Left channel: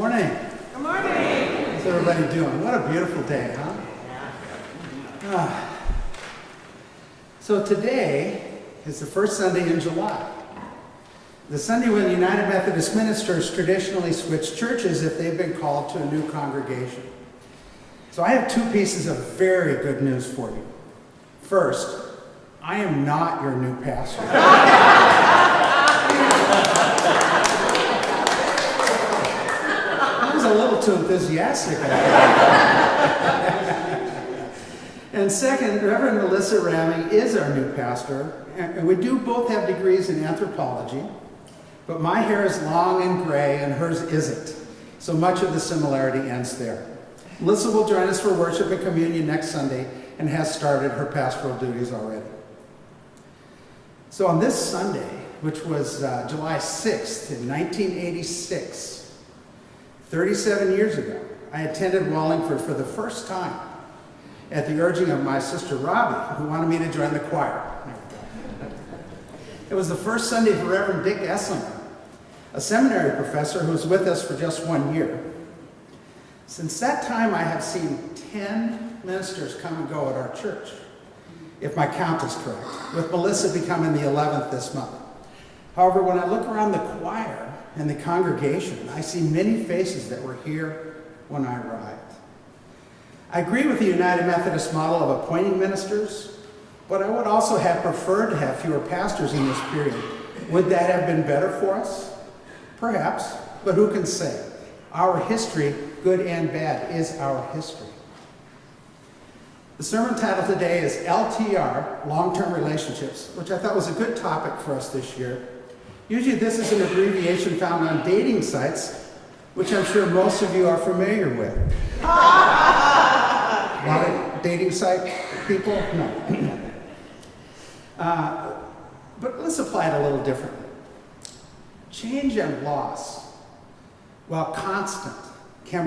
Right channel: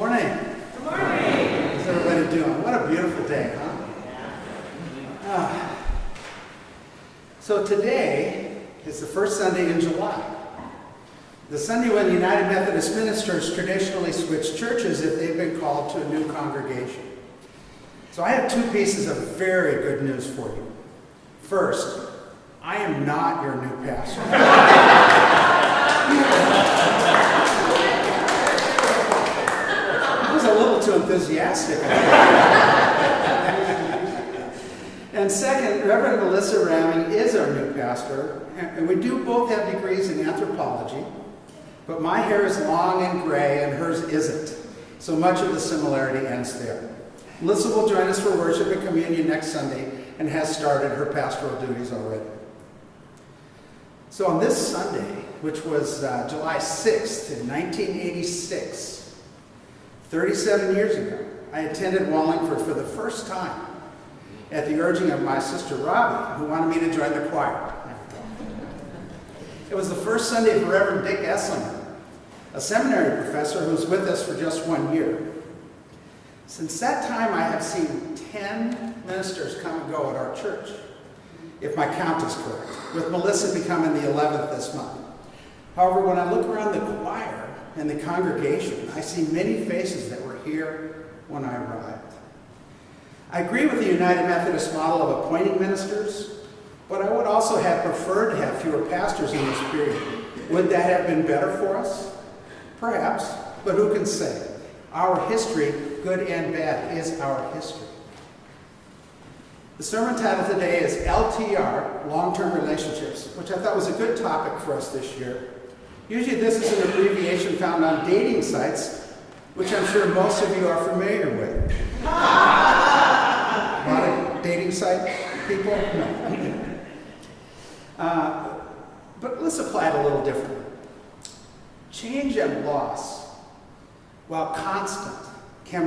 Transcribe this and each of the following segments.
Morning. Good morning. How's everybody doing? What a beautiful day, huh? So today is the first Sunday in July. The Sunday when the United Methodist ministers traditionally switch churches if they've been called to a new congregation. So I have two pieces of very good news for you. First, I am not your new pastor. I was a little too enthusiastic, I think. And second, Reverend Melissa Ramming is our new pastor, and we do both have degrees in anthropology, but my hair is long and gray and hers isn't, so much of the similarity ends there. Melissa will join us for worship and communion next Sunday and has started her pastoral duties already. So on this Sunday, which was July 6th in 1986, 37 years ago, I attended Wallingford for the first time at the urging of my sister Robbie, who wanted me to join the choir. There we go. It was the first Sunday for Reverend Dick Esslinger, a seminary professor who was with us for just 1 year. Since that time, I have seen 10 ministers come and go at our church, if my count is correct, with Melissa becoming the 11th this month. However, when I look around the choir and the congregation, I see many faces that were here when I arrived. I agree with the United Methodist model of appointing ministers, but I would also have preferred to have fewer pastors in this period. Would that have been better for us? Perhaps, but who can say? Our history, good and bad, is our history. The sermon title today is LTR, Long-Term Relationships, which I thought was a good topic for us this year. Usually this is an abbreviation found on dating sites, which I'm sure most of you are familiar with. A lot of dating site people? No. But let's apply it a little differently. Change and loss, while constant, can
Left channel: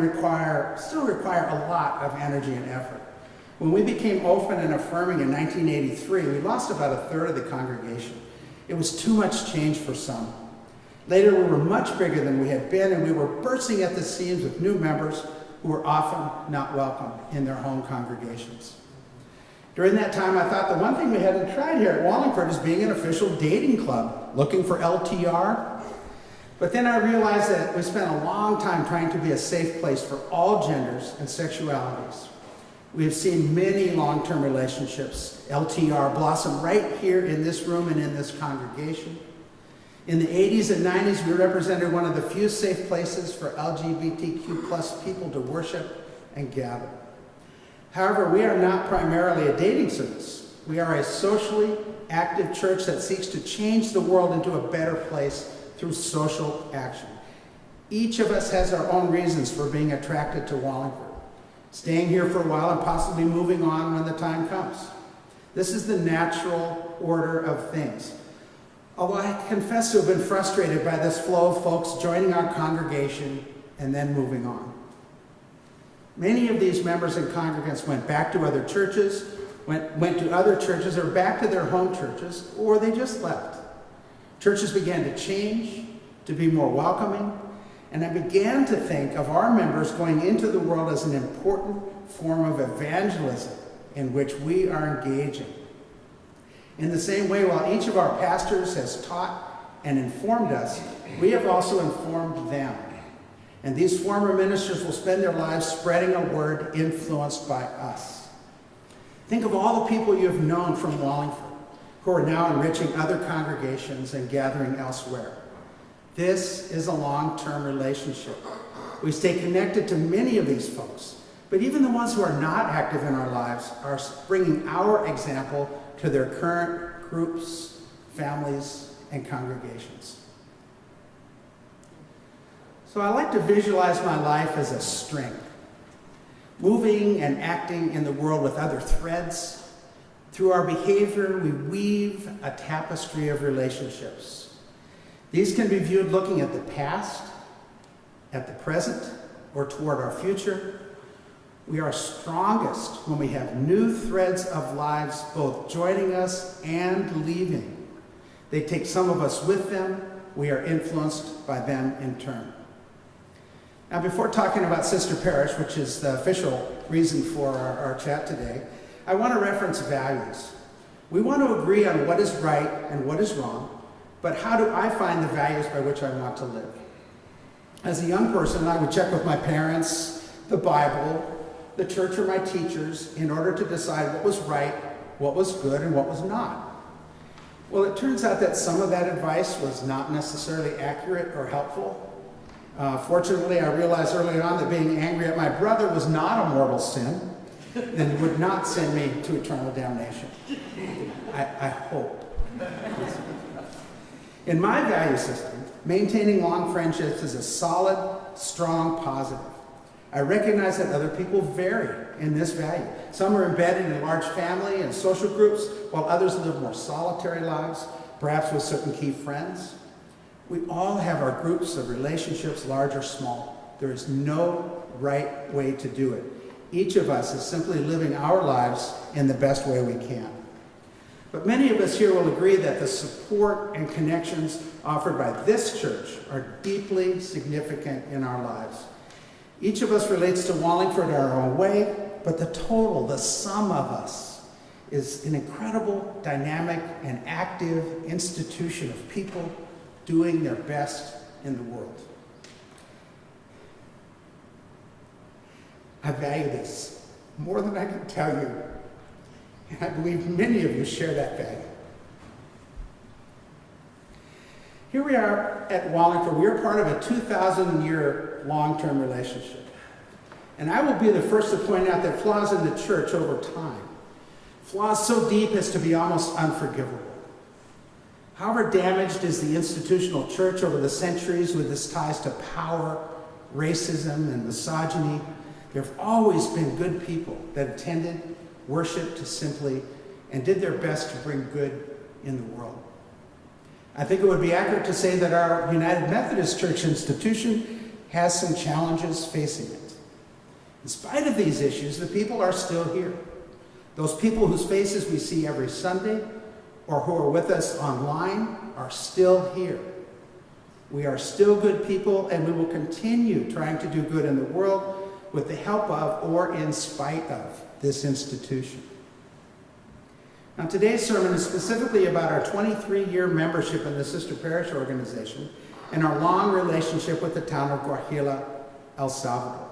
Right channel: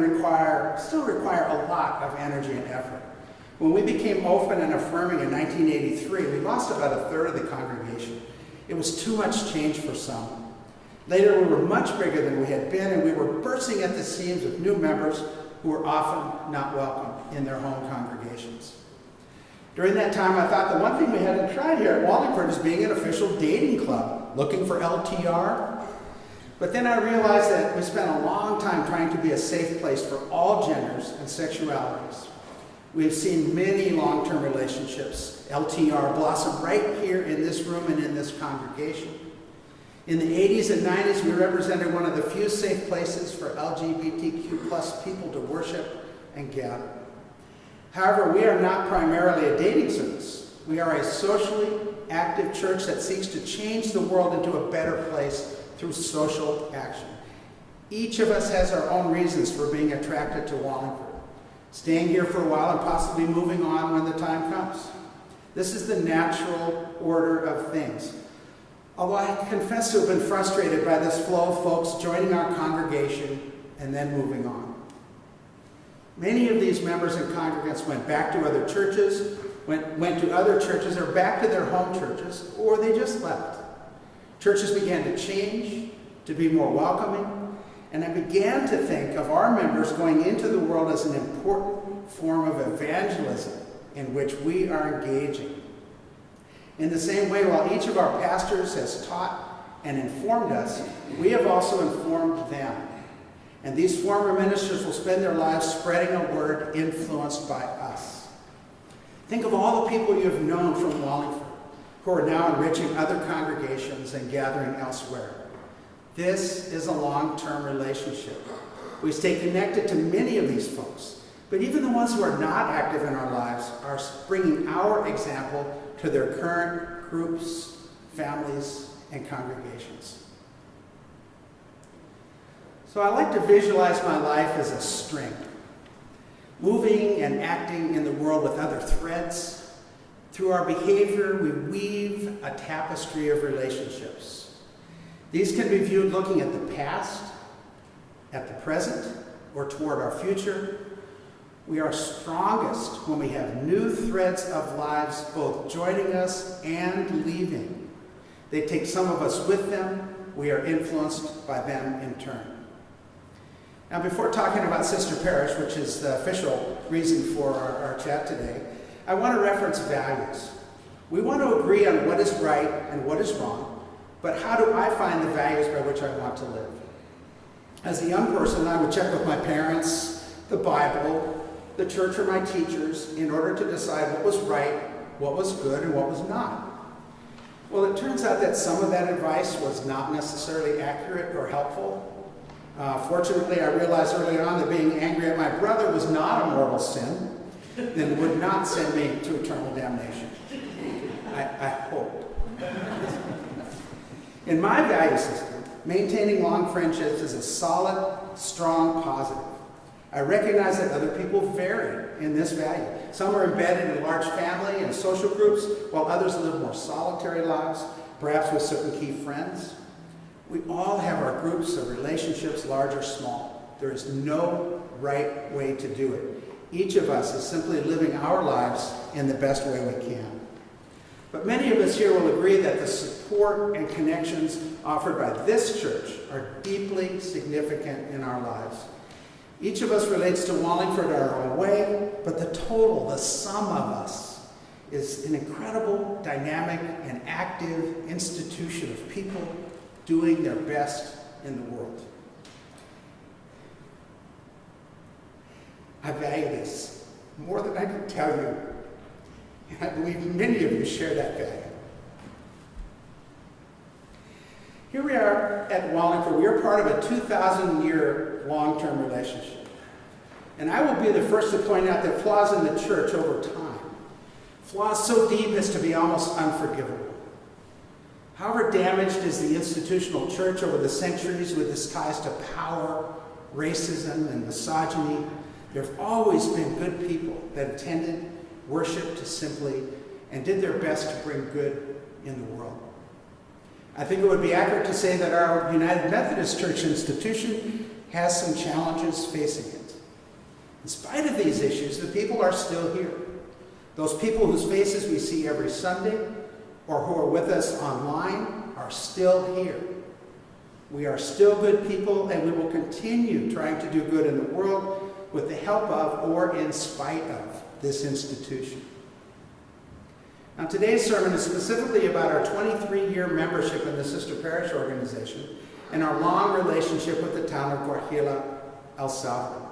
still require a lot of energy and effort. When we became open and affirming in 1983, we lost about a third of the congregation. It was too much change for some. Later, we were much bigger than we had been, and we were bursting at the seams with new members who were often not welcome in their home congregations. During that time, I thought the one thing we hadn't tried here at Wallingford is being an official dating club, looking for LTR. But then I realized that we spent a long time trying to be a safe place for all genders and sexualities. We've seen many long-term relationships, LTR, blossom right here in this room and in this congregation. In the 80s and 90s, we represented one of the few safe places for LGBTQ plus people to worship and gather. However, we are not primarily a dating service. We are a socially active church that seeks to change the world into a better place through social action. Each of us has our own reasons for being attracted to Wallingford, staying here for a while and possibly moving on when the time comes. This is the natural order of things. Although I confess to have been frustrated by this flow of folks joining our congregation and then moving on. Many of these members and congregants went back to other churches, went to other churches or back to their home churches, or they just left. Churches began to change, to be more welcoming, and I began to think of our members going into the world as an important form of evangelism in which we are engaging. In the same way, while each of our pastors has taught and informed us, we have also informed them. And these former ministers will spend their lives spreading a word influenced by us. Think of all the people you have known from Wallingford who are now enriching other congregations and gathering elsewhere. This is a long-term relationship. We stay connected to many of these folks, but even the ones who are not active in our lives are bringing our example to their current groups, families, and congregations. So I like to visualize my life as a string, moving and acting in the world with other threads. Through our behavior, we weave a tapestry of relationships. These can be viewed looking at the past, at the present, or toward our future. We are strongest when we have new threads of lives both joining us and leaving. They take some of us with them. We are influenced by them in turn. Now, before talking about Sister Parish, which is the official reason for our chat today, I want to reference values. We want to agree on what is right and what is wrong, but how do I find the values by which I want to live? As a young person, I would check with my parents, the Bible, the church, or my teachers in order to decide what was right, what was good, and what was not. Well, it turns out that some of that advice was not necessarily accurate or helpful. Fortunately, I realized early on that being angry at my brother was not a mortal sin, and would not send me to eternal damnation. I hope. In my value system, maintaining long friendships is a solid, strong positive. I recognize that other people vary in this value. Some are embedded in large family and social groups, while others live more solitary lives, perhaps with certain key friends. We all have our groups of relationships, large or small. There is no right way to do it. Each of us is simply living our lives in the best way we can. But many of us here will agree that the support and connections offered by this church are deeply significant in our lives. Each of us relates to Wallingford in our own way, but the total, the sum of us, is an incredible, dynamic, and active institution of people doing their best in the world. I value this more than I can tell you, and I believe many of you share that value. Here we are at Wallingford. We are part of a 2,000-year long-term relationship. And I will be the first to point out that flaws in the church over time, flaws so deep as to be almost unforgivable. However damaged is the institutional church over the centuries with its ties to power, racism, and misogyny, there have always been good people that attended, worshiped simply, and did their best to bring good in the world. I think it would be accurate to say that our United Methodist Church institution has some challenges facing it. In spite of these issues, the people are still here. Those people whose faces we see every Sunday or who are with us online are still here. We are still good people, and we will continue trying to do good in the world with the help of or in spite of this institution. Now, today's sermon is specifically about our 23-year membership in the Sister Parish organization and our long relationship with the town of Guajila, El Salvador.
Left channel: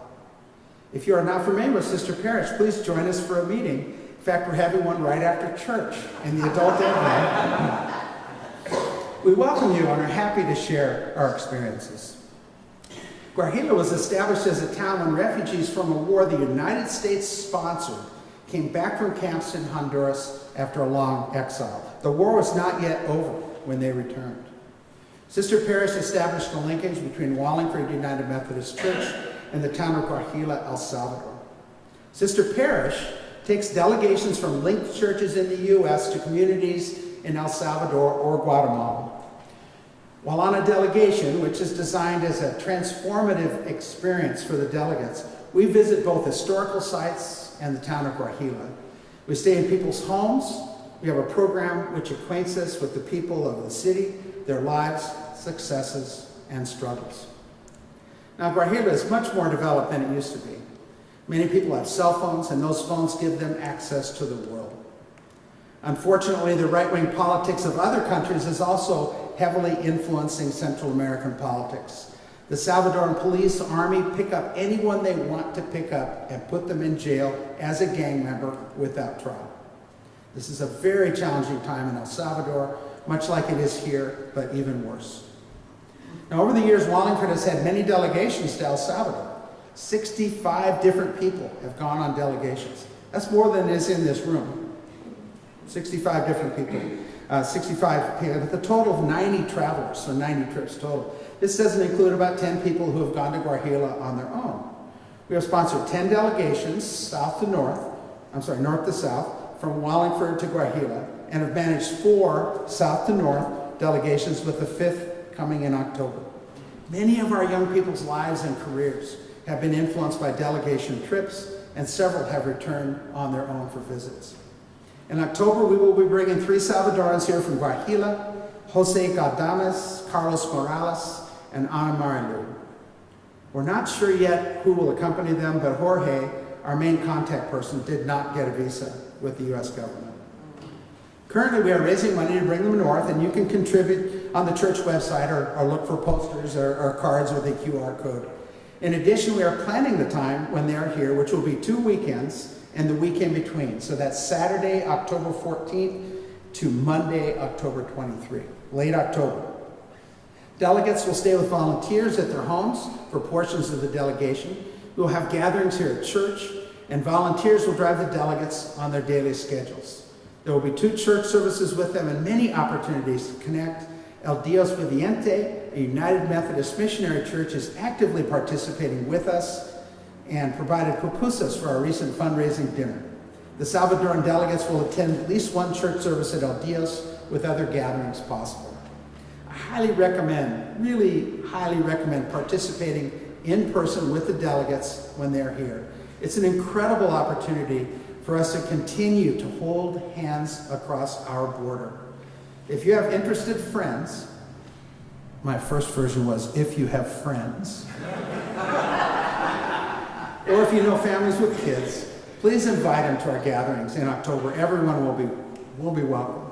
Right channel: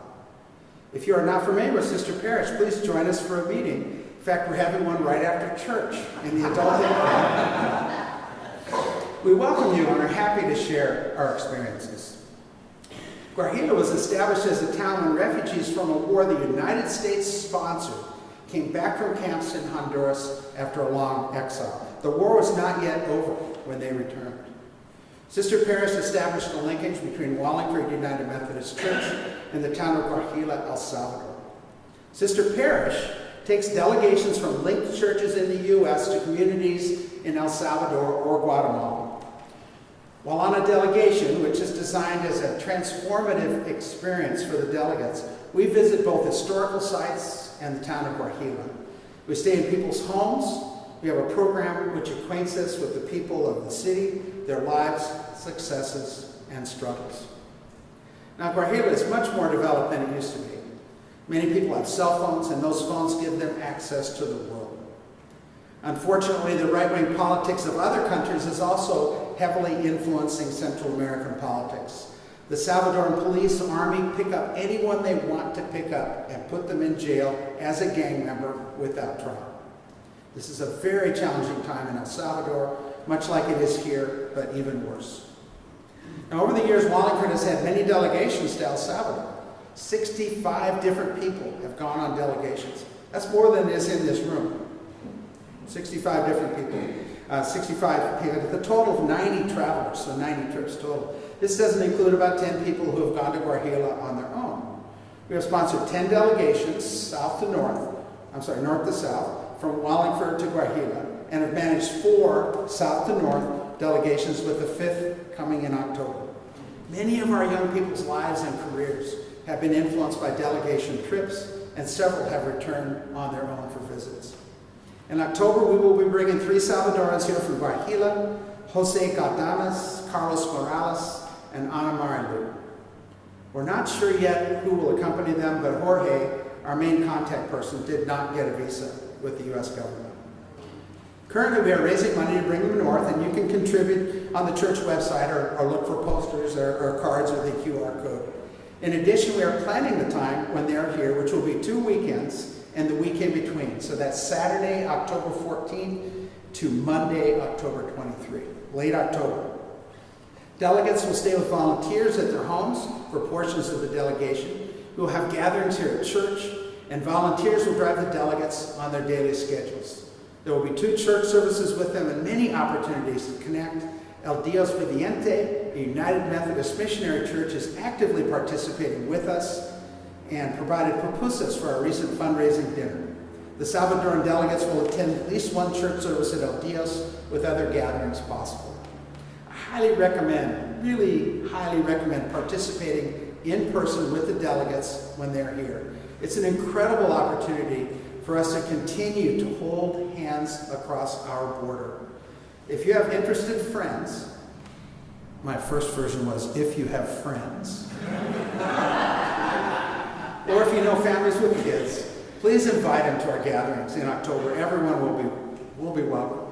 If you are not familiar with Sister Parish, please join us for a meeting. In fact, we're having one right after church in the adult ed room. We welcome you and are happy to share our experiences. Guajila was established as a town when refugees from a war the United States sponsored came back from camps in Honduras after a long exile. The war was not yet over when they returned. Sister Parish established a linkage between Wallingford United Methodist Church and the town of Guajila, El Salvador. Sister Parish takes delegations from linked churches in the U.S. to communities in El Salvador or Guatemala. While on a delegation, which is designed as a transformative experience for the delegates, we visit both historical sites and the town of Guajila. We stay in people's homes. We have a program which acquaints us with the people of the city, their lives, successes, and struggles. Now, Guajila is much more developed than it used to be. Many people have cell phones, and those phones give them access to the world. Unfortunately, the right-wing politics of other countries is also heavily influencing Central American politics. The Salvadoran police, army pick up anyone they want to pick up and put them in jail as a gang member without trial. This is a very challenging time in El Salvador, much like it is here, but even worse. Now, over the years, Wallingford has had many delegations to El Salvador. 65 different people have gone on delegations. That's more than is in this room. 65 different people. 65 people, with a total of 90 travelers, so 90 trips total. This doesn't include about 10 people who have gone to Guajila on their own. We have sponsored 10 delegations, north to south, from Wallingford to Guajila, and have managed 4 south to north delegations, with the 5th coming in October. Many of our young people's lives and careers have been influenced by delegation trips, and several have returned on their own for visits. In October, we will be bringing 3 Salvadorans here from Guajila, Jose Galdames, Carlos Morales, and Ana Marilu. We're not sure yet who will accompany them, but Jorge, our main contact person, did not get a visa with the U.S. government. Currently, we are raising money to bring them north, and you can contribute on the church website or look for posters or cards with a QR code. In addition, we are planning the time when they are here, which will be 2 weekends and the week in between. So that's Saturday, October 14th to Monday, October 23, late October. Delegates will stay with volunteers at their homes for portions of the delegation. We will have gatherings here at church, and volunteers will drive the delegates on their daily schedules. There will be 2 church services with them and many opportunities to connect. El Dios Viviente, a United Methodist missionary church, is actively participating with us and provided pupusas for our recent fundraising dinner. The Salvadoran delegates will attend at least 1 church service at El Dios, with other gatherings possible. I highly recommend, really highly recommend participating in person with the delegates when they're here. It's an incredible opportunity for us to continue to hold hands across our border. If you have interested friends, my first version was if you have friends, or if you know families with kids, please invite them to our gatherings in October. Everyone will be welcome.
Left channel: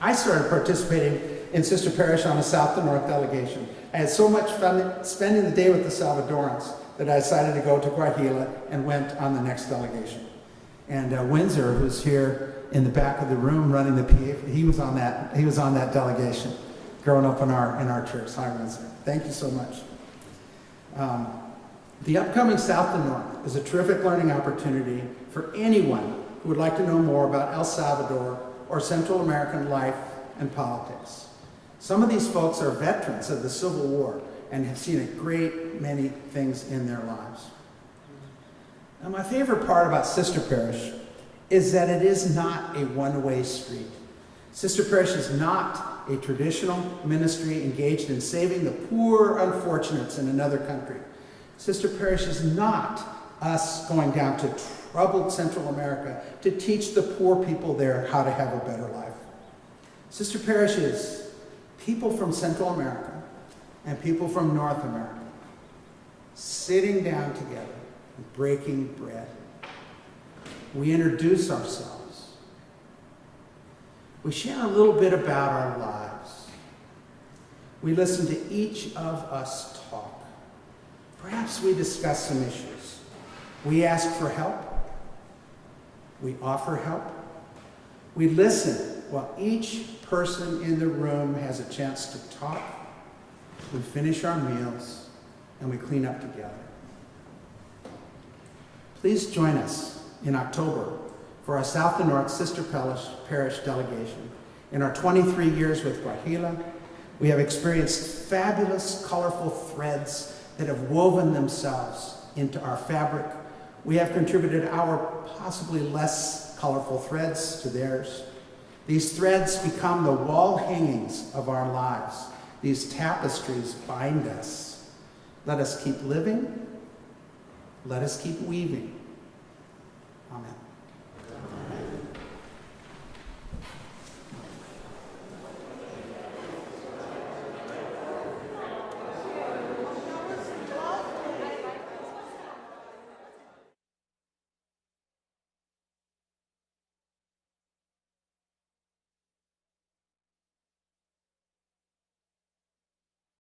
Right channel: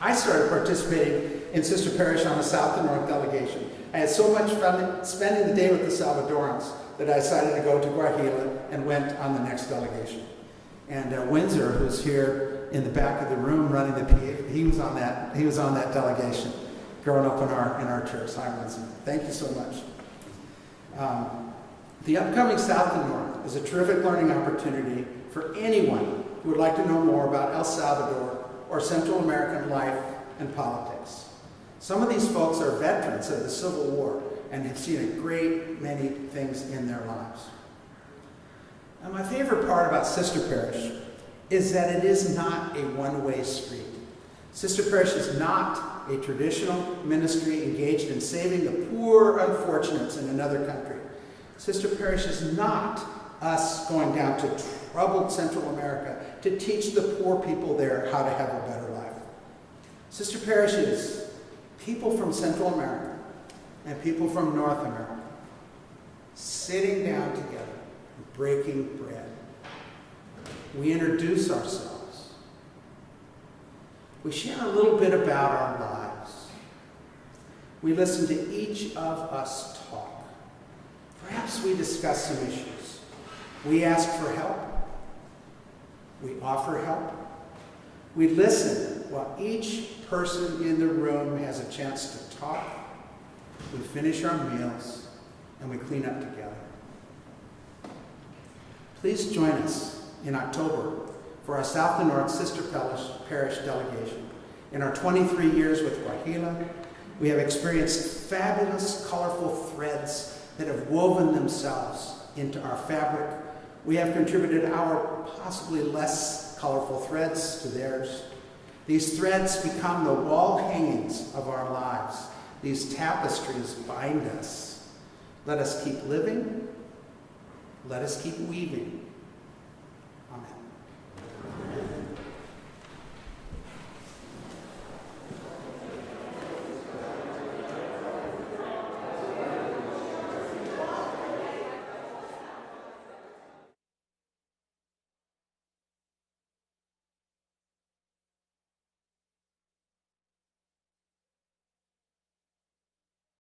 I started participating in Sister Parish on a south to north delegation. I had so much fun spending the day with the Salvadorans that I decided to go to Guajila and went on the next delegation. And Windsor, who's here in the back of the room running the PA, he was on that delegation growing up in our church. Hi, Windsor. Thank you so much. The upcoming South to North is a terrific learning opportunity for anyone who would like to know more about El Salvador or Central American life and politics. Some of these folks are veterans of the Civil War and have seen a great many things in their lives. Now, my favorite part about Sister Parish is that it is not a one-way street. Sister Parish is not a traditional ministry engaged in saving the poor unfortunates in another country. Sister Parish is not us going down to troubled Central America to teach the poor people there how to have a better life. Sister Parish is people from Central America and people from North America sitting down together and breaking bread. We introduce ourselves. We share a little bit about our lives. We listen to each of us talk. Perhaps we discuss some issues. We ask for help. We offer help. We listen while each person in the room has a chance to talk. We finish our meals and we clean up together. Please join us in October for our South to North Sister Parish delegation. In our 23 years with Guajila, we have experienced fabulous, colorful threads that have woven themselves into our fabric. We have contributed our possibly less colorful threads to theirs. These threads become the wall hangings of our lives. These tapestries bind us. Let us keep living. Let us keep weaving. Amen.